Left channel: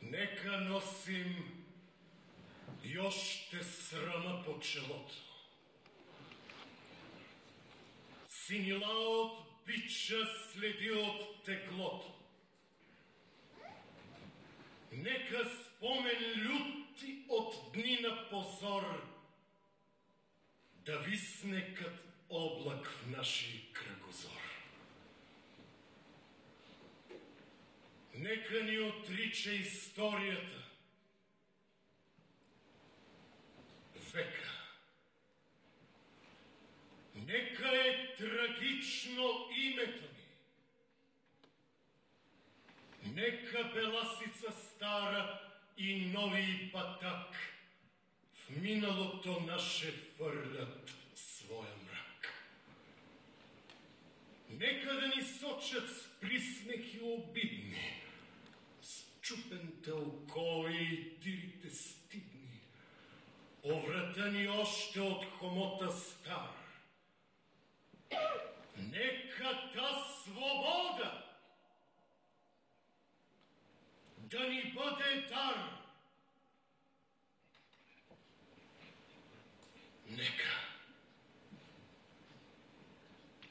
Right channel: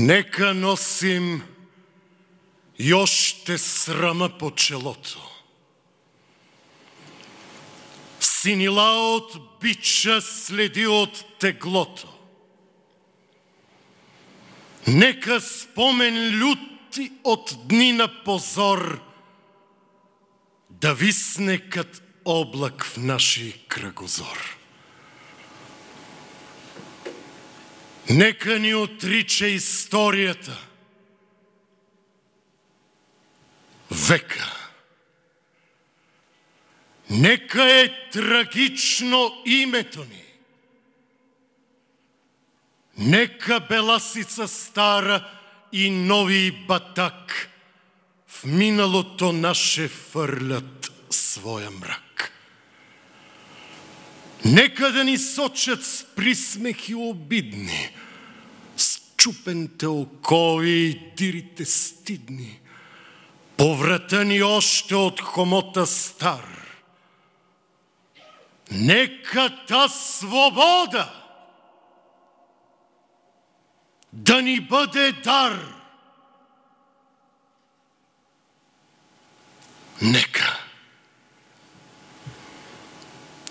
Нека носим и още срама по челото. Синила от бича следи от теглото. Нека спомен люти от дни на позор да висне кът облак в наши кръгозор. Нека ни отрича историята, века. Нека е трагично името ни. Нека беласица стара и нови батак в миналото наше фърлят своя мрак. Нека да ни сочат с присмехи обидни, с чупените окови и дирите стидни, по врата ни още от хомота стар. Нека та свобода да ни бъде дар. Нека.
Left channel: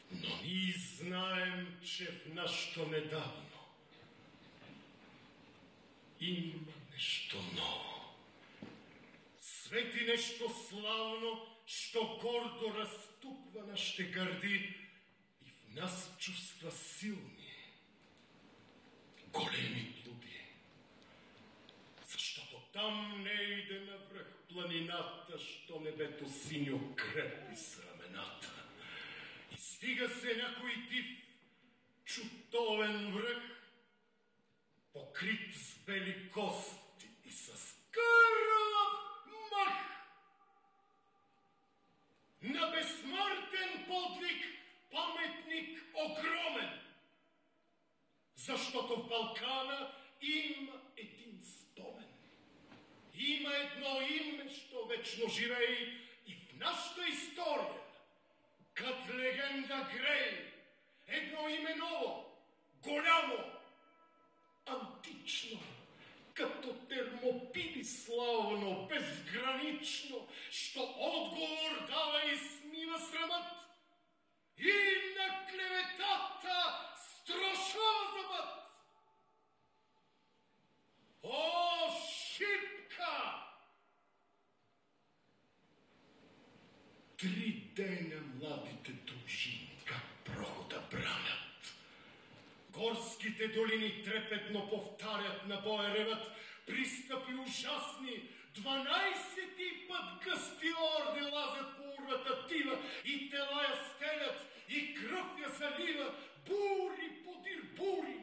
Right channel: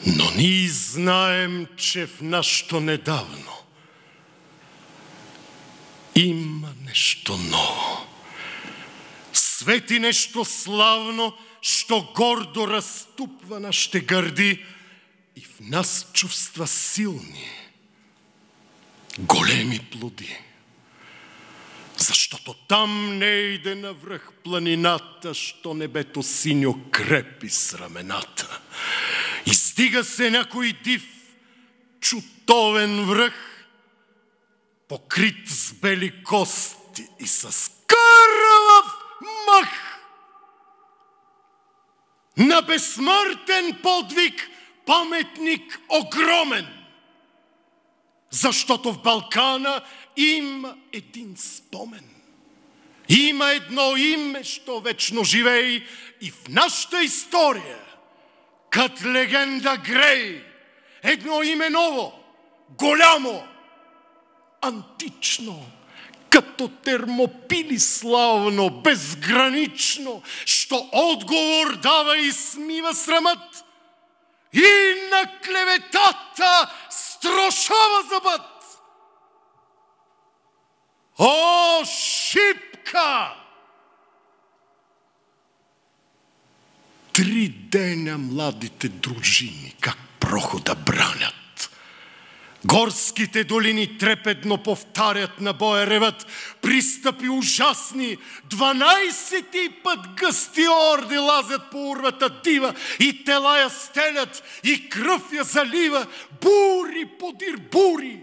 Но ние знаем, че в нашето недавно има нещо ново. Свети нещо славно, що гордо разтупва нашите гърди и в нас чувства силни, големи плоди. Защото там не иде навръх планината, що небето синьо крепи с рамената. Издига се някой див, чутовен връх, покрит с бели кости и с кървав мъх. На безсмъртен подвиг паметник огромен, защото в Балкана има един спомен. Има едно име, що вечно живей и в нашата история, кът легенда грей. Едно име ново, голямо, антично, като Термопили славно, безгранично, що отговор дава и смива срамът и на клеветата строшава зъбът. О, Шипка! 3 деня младите дружини как прохода бранят. Горските долини трепетно повтарят, на боя реват пристъпи ужасни. 12 път гъсти орди лазят по урвата дива и тела я стелят и кръв я залива. Бури подир бури.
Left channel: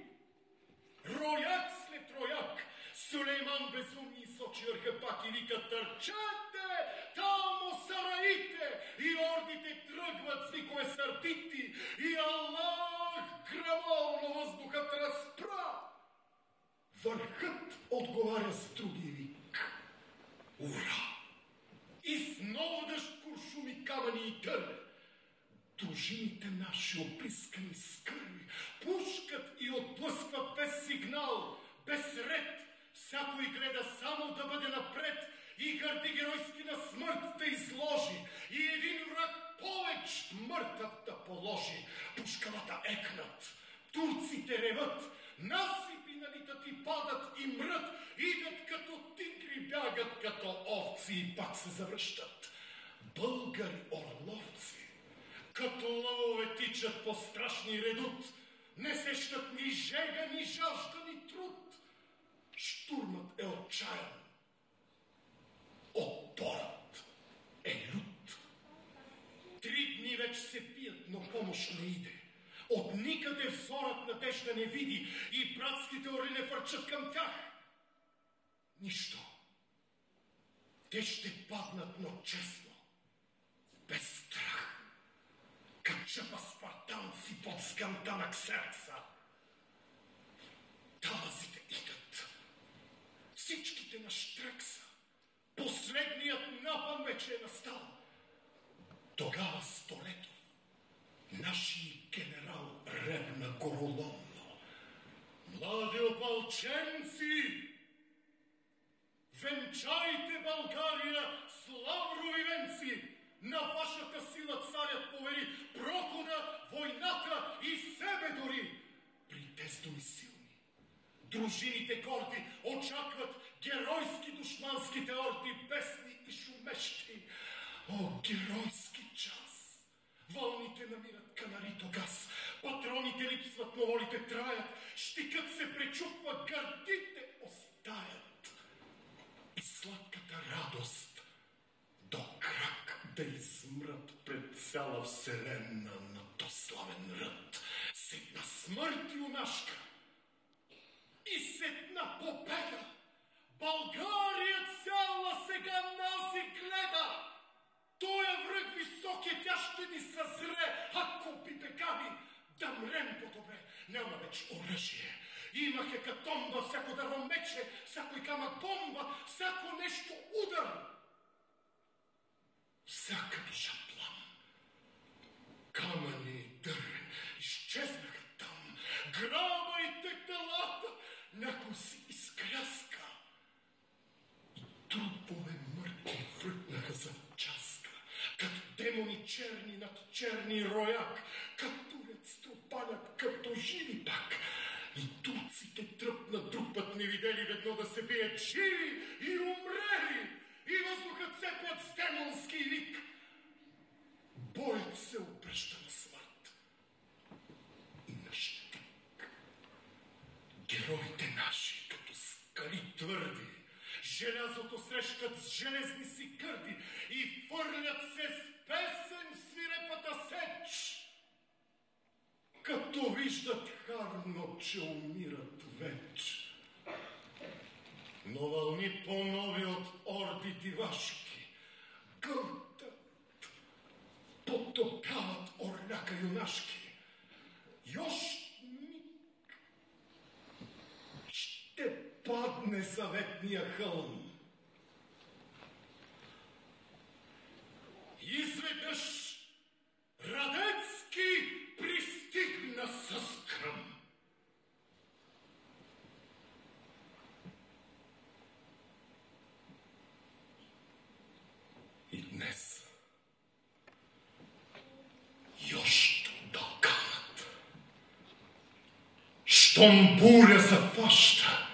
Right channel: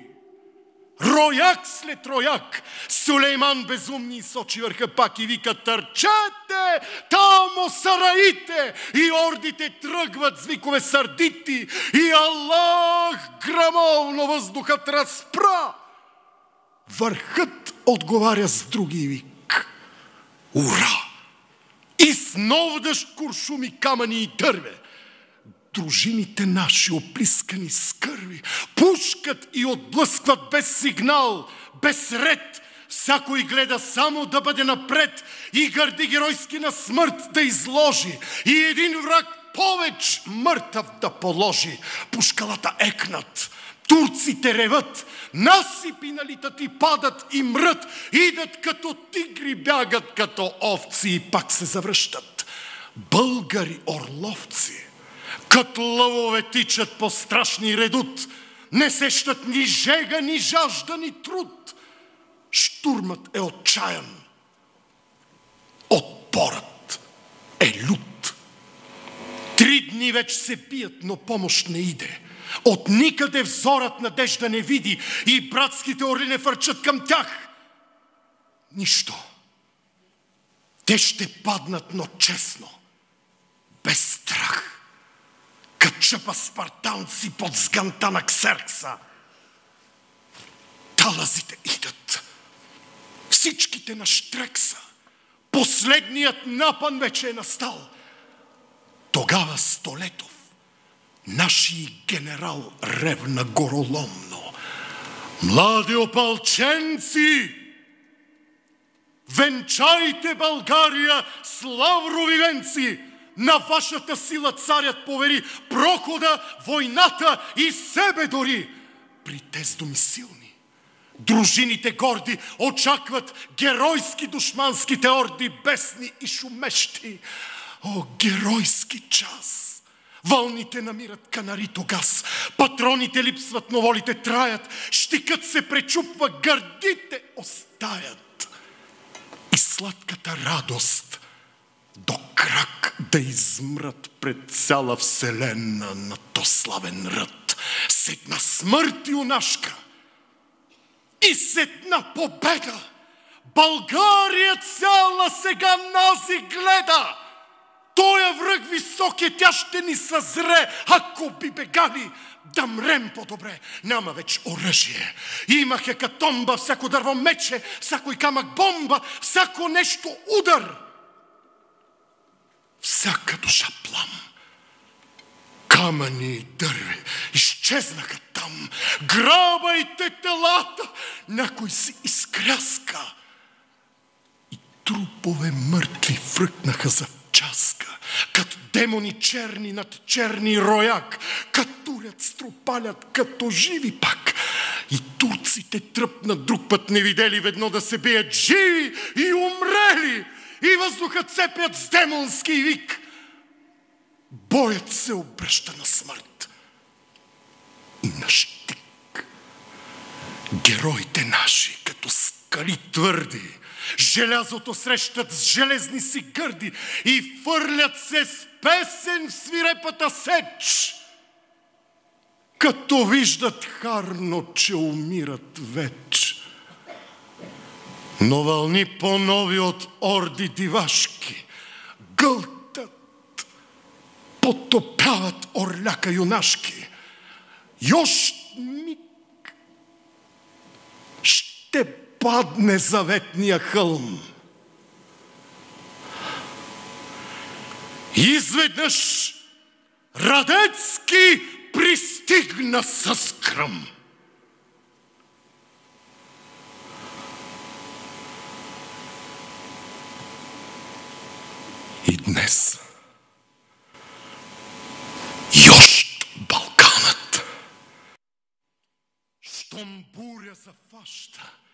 Рояк след рояк, Сулейман безумни сочи върха пак и вика: търчете, тамо сараите! И ордите тръгват с викове сърдити и Аллах грамовно въздухът разпра. Върхът отговаря с други вик: ура! И с нов дъжд куршуми, камъни и дърве. Дружините наши, оплискани с кърви, пушкат и отблъскват без сигнал, без ред. Всякой гледа само да бъде напред и гърди геройски на смърт да изложи. И един враг повеч мъртъв да положи. Пушкалата екнат, турците реват, насипи налитат и падат и мрът. Идат като тигри, бягат като овци и пак се завръщат. Българи орловци като лъвове тичат по страшни редут, не сещат ни жега, ни жажда, ни труд. Штурмът е отчаян, отпорът е лют. 3 дни вече се бият, но помощ не иде. От никъде взорът надежда не види и братските орли не фърчат към тях. Нищо. Те ще паднат, но честно, без страх. Качъпа спартанци под сганта на Ксеркса. Талазите идат. Всичките на Штрекса. Последният напън вече е настал. Тогава Столетов, наши генерал, ревна гороломно: млади опалченци, Венчайте България с лаврови венци! На вашата сила царят повери прохода, войната и себе дори. При тез думи силни, дружините горди очакват геройски душманските орди, бесни и шумещи. О, геройски час! Вълните намират канари тогас, патроните липсват, но волите траят, щикът се пречупва, гърдите остаят. И сладката радост до крак да измрат пред цяла вселена на то славен ръд. С една смърт юнашка и с една победа България цяла сега нази гледа. Тоя връг високия, тя ще ни съзре, ако би бегали. Да мрем по-добре. Няма вече оръжие. Има хекатомба, всяко дърво мече, всякой камък бомба, всяко нещо удар. Всяка душа плам. Камъни и дърви изчезнаха там. Грабайте телата. Някой си изкряска. И трупове мъртви фръкнаха за часка. Като демони черни над черни рояк. Катурят, струпалят, като живи пак. И турците тръпнат друг път не видели ведно да се бият живи и умрели. И въздухът цепят с демонски вик. Боят се обръща на смърт и на щик. Героите наши, като скали твърди, желязото срещат с железни си гърди и фърлят се с песен в свирепата сеч. Като виждат харно, че умират веч. Но вълни по-нови от орди дивашки гълтат, потопяват орляка юнашки. Йощ миг ще падне заветния хълм. Изведнъж Радецки пристигна с гръм. И днес йощ Балканът, щом буря зафаща,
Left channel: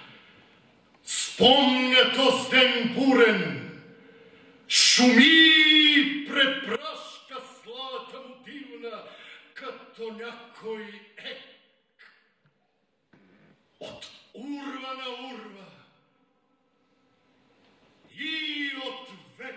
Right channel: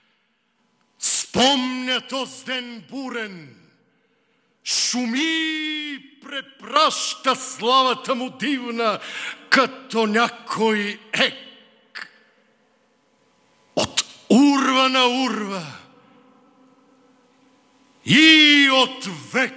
спомня то ден бурен, шуми препраща славата му дивна, като някой ек. От урва на урва и от век